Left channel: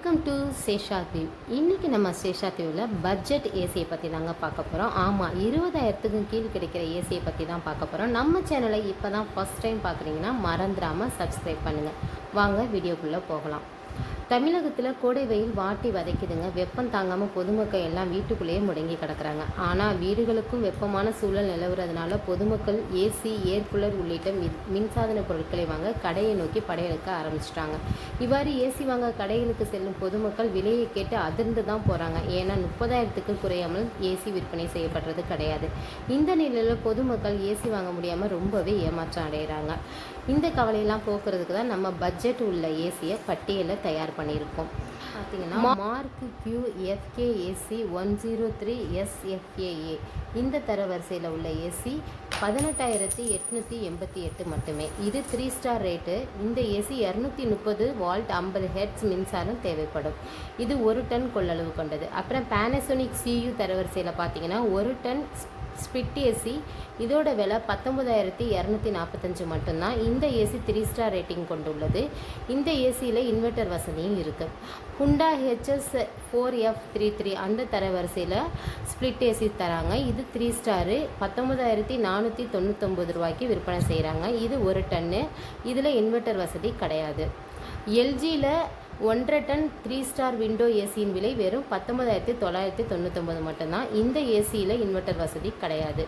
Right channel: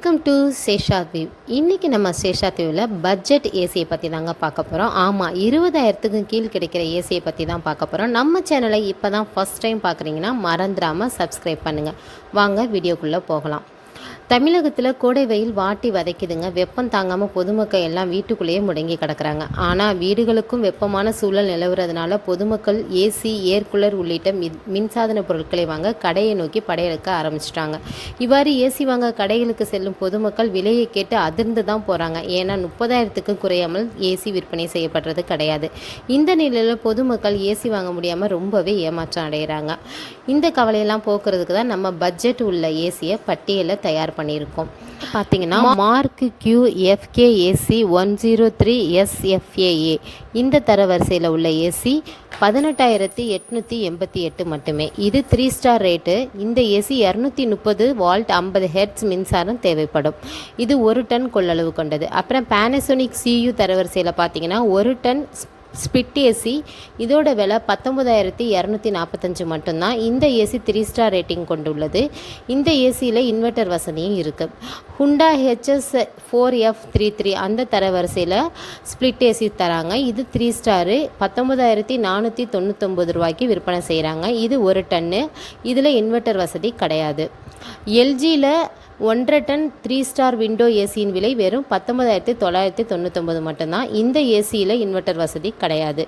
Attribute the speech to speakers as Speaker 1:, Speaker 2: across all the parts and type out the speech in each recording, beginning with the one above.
Speaker 1: Welcome to Sesha view இன்றைக்கி நம்ம சேஷா வியூவில் பட்ஜெட் ஏசியை பற்றி தாங்க பார்க்க போகிறோம் ஆமாம் இருபதாயிரத்துக்கும் கீழ் கிடைக்கிற ஏசியை பற்றி தான் பார்க்க போகிறோம் நம்ம சேனலை இப்போ தான் ஃபஸ்ட் டைம் பார்க்குறீங்கன்னா மறந்துடாமல் சப்ஸ்கிரைப் பண்ணுங்கள் வாங்க வீடியோக்குள்ளே போகலாம். தமிழகத்தில் கோடை வெயில் வாட்டி வதைக்குதுங்க. வெப்பம் தாங்காமல் பொதுமக்கள் எல்லாம் வீட்டுக்குள்ளேயே முடங்கி கிடக்குறாங்க. ஆனால் வீடுகளுக்கும் வெப்பமான சூழல் நிலவுறதுனால பொதுமக்கள் ஏசி ஏர் கூலர் உள்ளிட்ட மின் மின்சாதன பொருட்களை வாங்க கடையை நோக்கி படையெடுக்க ஆரம்பிச்சிட்டாங்க. இவ்வாறு ஏசி வாங்க கடைகளுக்கு செல்லும் பொதுமக்கள் விலையை கேட்டு அதிர்ந்து தான் போகிறாங்க ஏன்னா முப்பதாயிரத்துக்கும் குறையாமல் ஏசி விற்பனை செய்யப்படுறது கிடையாது. இந்த நிலையில் பொதுமக்கள் ஏசி வாங்க முடியாமல் ரொம்பவே ஏமாற்றம் அடைகிறாங்க இந்த கவலையெல்லாம் போக்குறதுக்கு தான் நம்ம பட்ஜெட் உள்ள ஏசியை பட்டியலை தயார் பண்ணியிருக்கோம். பார்த்தீங்கன்னா mark Q FK AC one zero three SFAA இந்த தரவரிசையில் உள்ள ஏசி பதினெட்டாயிரத்தி எட்நூற்றி எண்பத்தி எட்டு மட்டுமே. இது த்ரீ ஸ்டார் ரேட்டு இந்த ஏசி இரநூத்தி முப்பது வால்ட் ஐம்பது ஹெர்ட்ஸ் மின்சாரம் தேவைப்படும். இது ஒரு டன் கொள்ளளவு கொண்டது. அப்புறம் பேனசோனிக் சியு தரவரிசையில் பார்த்தீங்கன்னா ஒரு டன் ஸ்பிட் ஏசி இதோட விலை பத்தொம்பதாயிரத்தி இரநூத்தி நாற்பத்தஞ்சு மட்டும்தான். இந்த ஏசி த்ரீ ஸ்டார் ரேட்டிங் கொண்டுள்ளது. இந்த ஏசியில் இன்வெர்ட்டர் வசதியும் இருக்குது ஹுண்டா HS four F three three அந்த தரவரிசையில் ஸ்ப்ளிட் ஏசி தராங்க. இது த்ரீ ஸ்டாரு பத்தொம்பதாயிரத்தி நானூற்றி தொண்ணூத்தொம்பது ரூபாய்க்கு விற்பனை செய்கிறாங்க இது ஒரு டன்னு இதில் இன்வெர்ட்டர் வசதி கிடையாது. எல்ஜியில் ஒன்றரை டன் த்ரீ ஸ்டார் விண்டோ ஏசியின் விலை வெறும் பத்தொன்பதாயிரத்தி தொள்ளாயிரத்தி தொண்ணூத்தொம்பது மட்டும்தான். இந்த ஏசியில் இன்வெர்ட்டர் வசதி கிடையாது.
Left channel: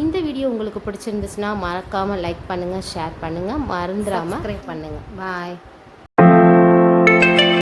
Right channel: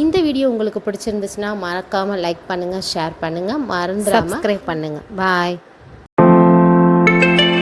Speaker 1: இந்த வீடியோ உங்களுக்கு பிடிச்சிருந்துச்சுன்னா மறக்காமல் லைக் பண்ணுங்கள் ஷேர் பண்ணுங்கள் மறந்துடாமல் சப்ஸ்கிரைப் பண்ணுங்கள் பாய்